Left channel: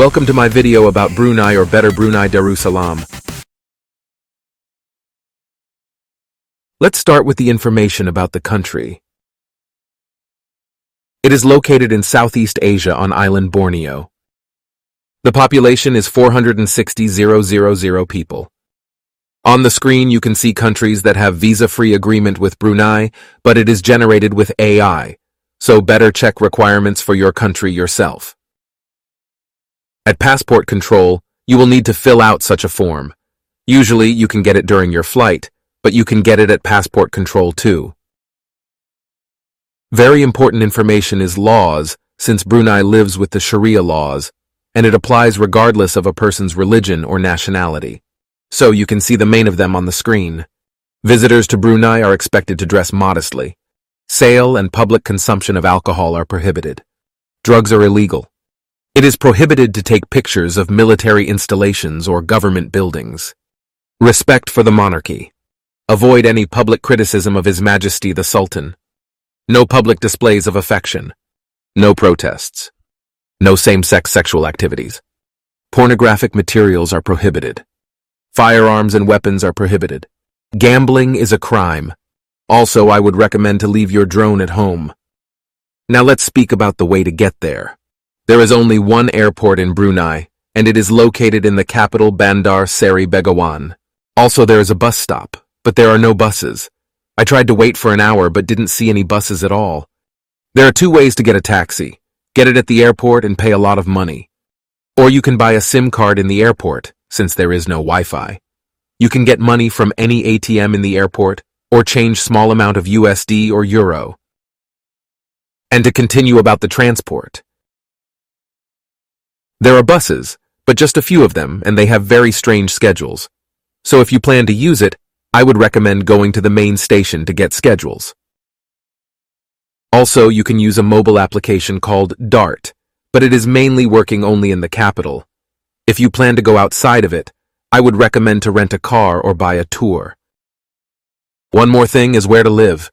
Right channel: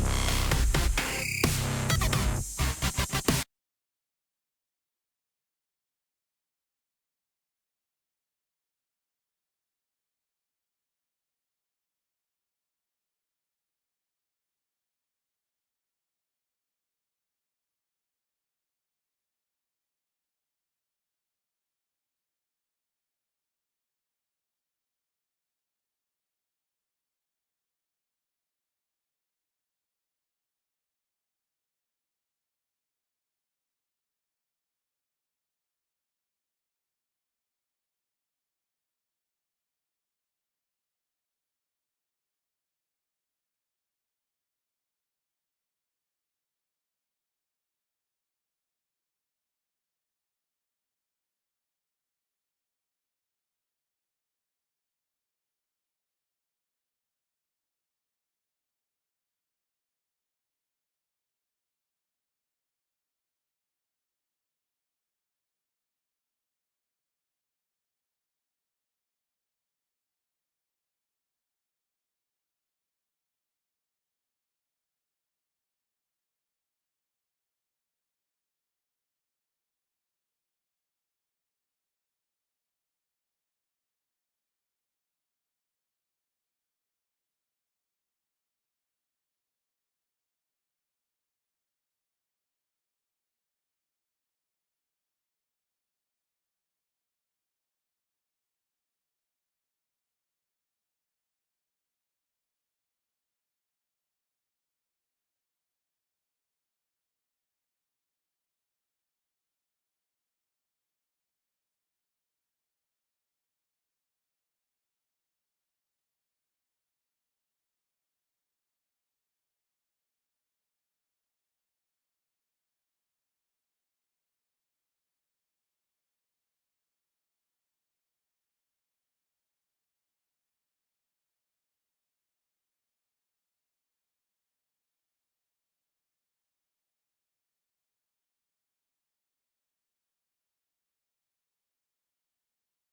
Welcome to my video about Brunei, or better Brunei Darussalam. Let's start with the information about the country. It is located in Southeast Asia on island Borneo. The population is 460,000 people. On the screen you can see countries that have visa-free agreement with Brunei, but it is generated with AI, so better check requirements for your country yourself. At passport control, you will need to fill out such a form. Usually you can get it during your flight, but you can get it at passport control too. Very important information is laws, since Brunei lives with the Sharia laws, and it applies regardless of a person's religion or nationality. So you can see the main of them on the screen. Visitors to Brunei are expected to dress modestly. Sale and public consumption of alcohol are prohibited. Drugs are illegal. It is prohibited to take pictures of military installations or government buildings. Respect for the monarchy. Avoid any public criticism of His Majesty the Sultan. No public displays of affection. No protests. No same-sex sexual activities. Pornographic materials are prohibited. Firearms and weapons are prohibited. Gambling is a crime. Also, I would recommend to leave your drone at home. Now let's speak about the way to get there. There is only one airport in Brunei, and it is located in the capital Bandar Seri Begawan. Also, there is a bus stop, but there are no buses. I tried to wait for an hour but didn't see any buses at all. There are two ways to get a taxi. Get it at the airport and pay a lot of money. Or you can buy a SIM card in the airport, since there is no Wi-Fi. You can get money from any ATM in the airport, or change small amount of USD or Euro. And to continue about the transport. There are buses, but just a few of them, and they have very strange schedules. So if you plan to use it, I would recommend going to the main station to get schedules. Also, you can use a mobile application called DART, but it is mainly working only in the capital. If you plan to go outside of it, I would recommend to rent a car or buy a tour. One more thing is where to live.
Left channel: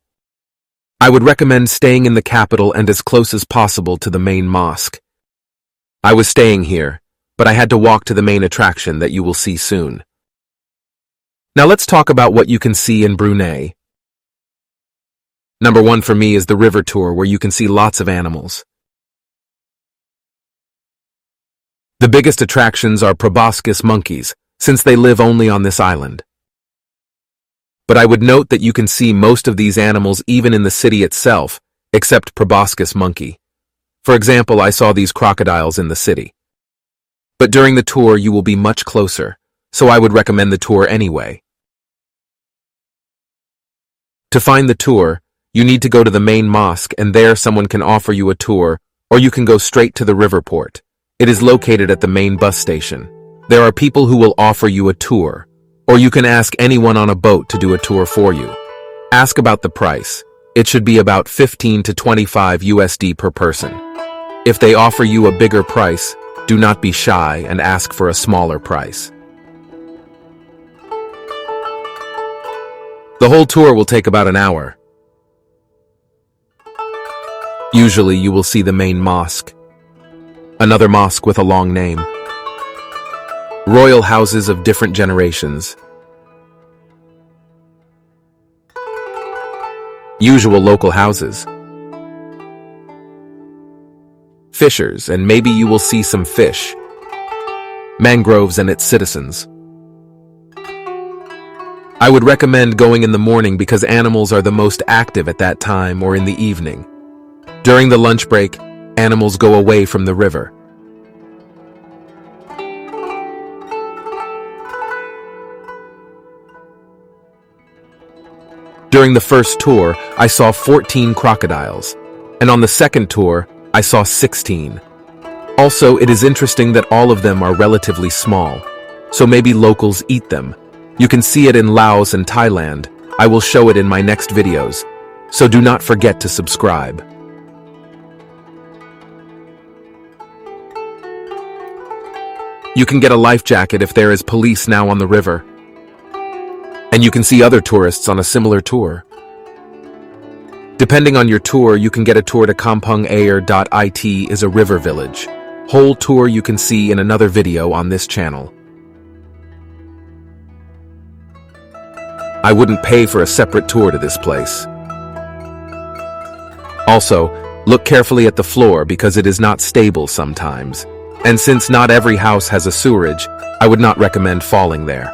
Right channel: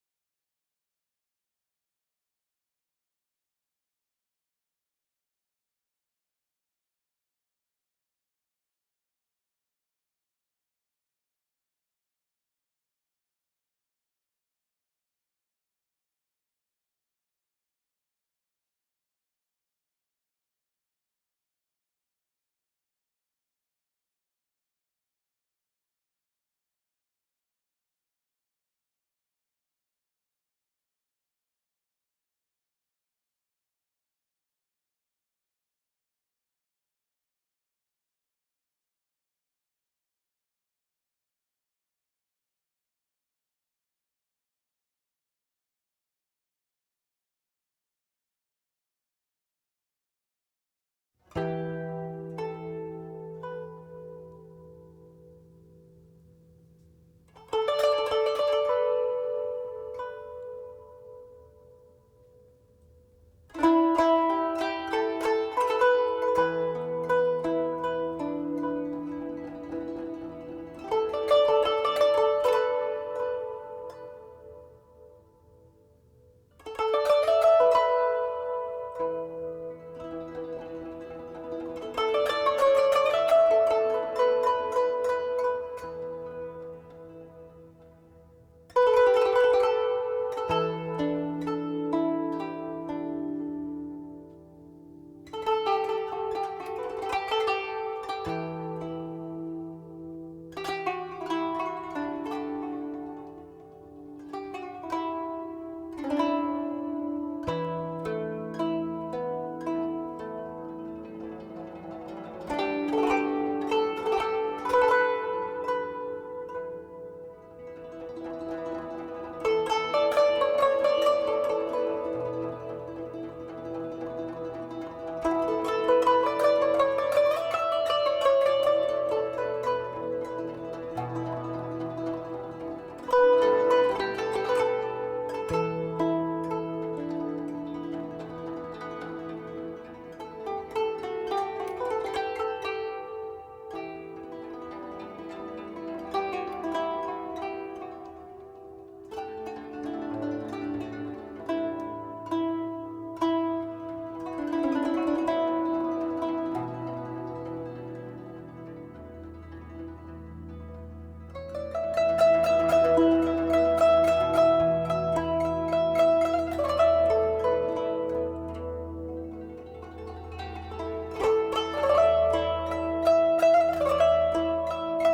I would recommend staying in the capital and as close as possible to the main mosque. I was staying here, but I had to walk to the main attraction that you will see soon. Now let's talk about what you can see in Brunei. Number one for me is the river tour, where you can see lots of animals. The biggest attractions are proboscis monkeys, since they live only on this island. But I would note that you can see most of these animals even in the city itself, except proboscis monkey. For example, I saw these crocodiles in the city. But during the tour you will be much closer, so I would recommend the tour anyway. To find the tour, you need to go to the main mosque, and there someone can offer you a tour, or you can go straight to the river port. It is located at the main bus station. There are people who will offer you a tour, or you can ask anyone on a boat to do a tour for you. Ask about the price. It should be about 15 to 25 USD per person. If they offer you a bigger price, do not be shy and ask for a smaller price. The whole tour will take about an hour. Usually you will see the main mosque, another mosque with a long name, royal houses of different generations, usual local houses, fishers, and maybe you will see some fish, mangroves and its citizens. I would recommend going in the morning because animals are the most active at that time, or in the evening. During the lunch break, animals go away from the river. During the first tour, I saw 14 crocodiles, and on the second tour, I saw 16. Also, it is interesting that all of them are relatively small, so maybe locals eat them. You can see it in Laos and Thailand. I will show it in my next videos, so do not forget to subscribe. You can get a life jacket if there is police now on the river. And you can see other tourists on a similar tour. Depending on your tour, you can get a tour to Kampung Ayer. It is a river village. Whole tour you can see in another video on this channel. I wouldn't pay for a separate tour to this place. Also, look carefully at the floor because it is not stable sometimes. And since not every house has a sewerage, I would not recommend falling there.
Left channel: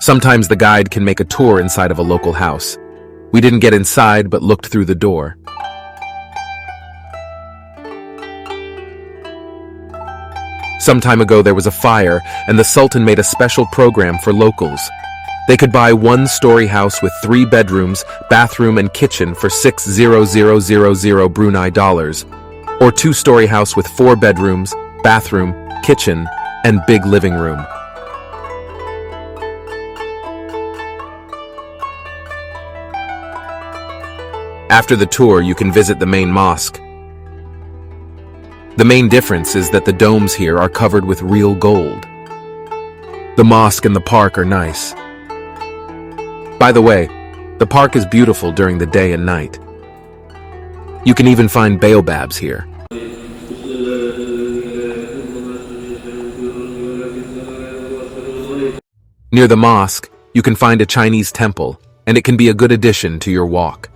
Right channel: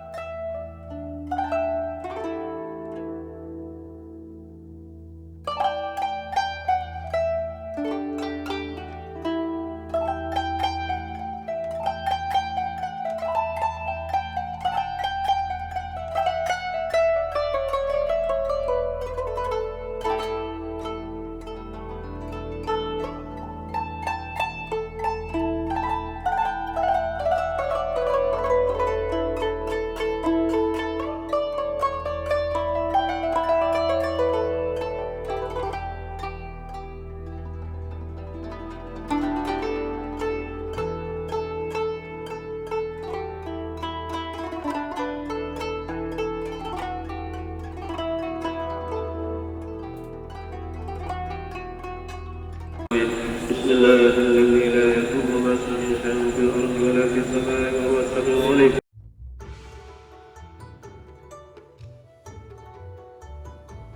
Sometimes the guide can make a tour inside of a local house. We didn't get inside but looked through the door. Some time ago there was a fire and the Sultan made a special program for locals. They could buy one-story house with 3 bedrooms, bathroom and kitchen for 6,000 Brunei dollars, or 2-story house with 4 bedrooms, bathroom, kitchen, and big living room. After the tour, you can visit the main mosque. The main difference is that the domes here are covered with real gold. The mosque and the park are nice. By the way, the park is beautiful during the day and night. You can even find baobabs here. Near the mosque, you can find a Chinese temple, and it can be a good addition to your walk.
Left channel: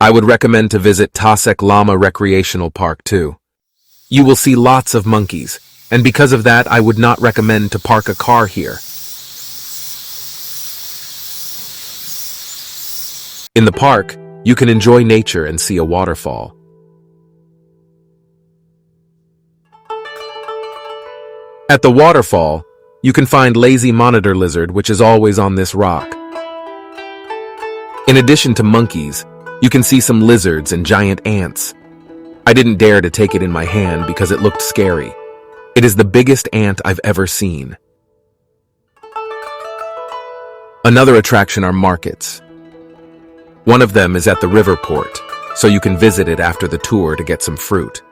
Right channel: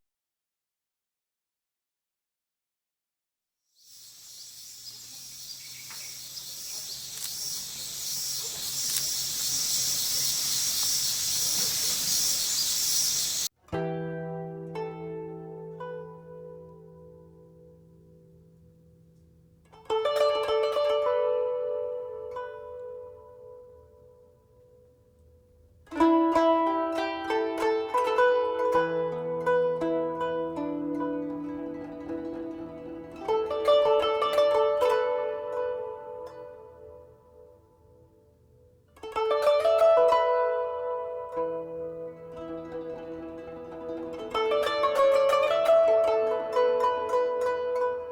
I would recommend to visit Tasek Lama Recreational Park too. You will see lots of monkeys, and because of that I would not recommend to park a car here. In the park, you can enjoy nature and see a waterfall. At the waterfall, you can find lazy monitor lizard, which is always on this rock. In addition to monkeys, you can see some lizards and giant ants. I didn't dare to take it in my hand because it looked scary. It is the biggest ant I've ever seen. Another attraction are markets. One of them is at the river port, so you can visit it after the tour to get some fruit.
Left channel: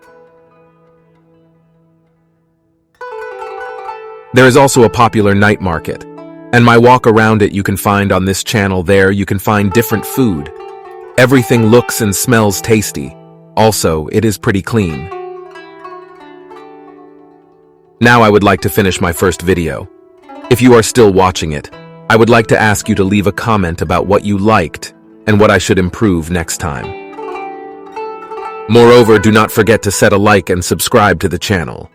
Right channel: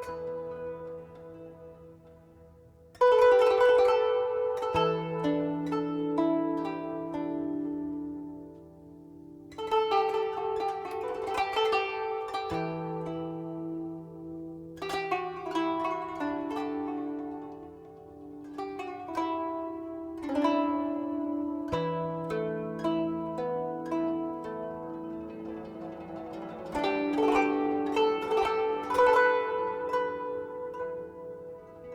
There is also a popular night market, and my walk around it you can find on this channel. There you can find different food. Everything looks and smells tasty. Also, it is pretty clean. Now I would like to finish my first video. If you are still watching it, I would like to ask you to leave a comment about what you liked and what I should improve next time. Moreover, do not forget to set a like and subscribe to the channel.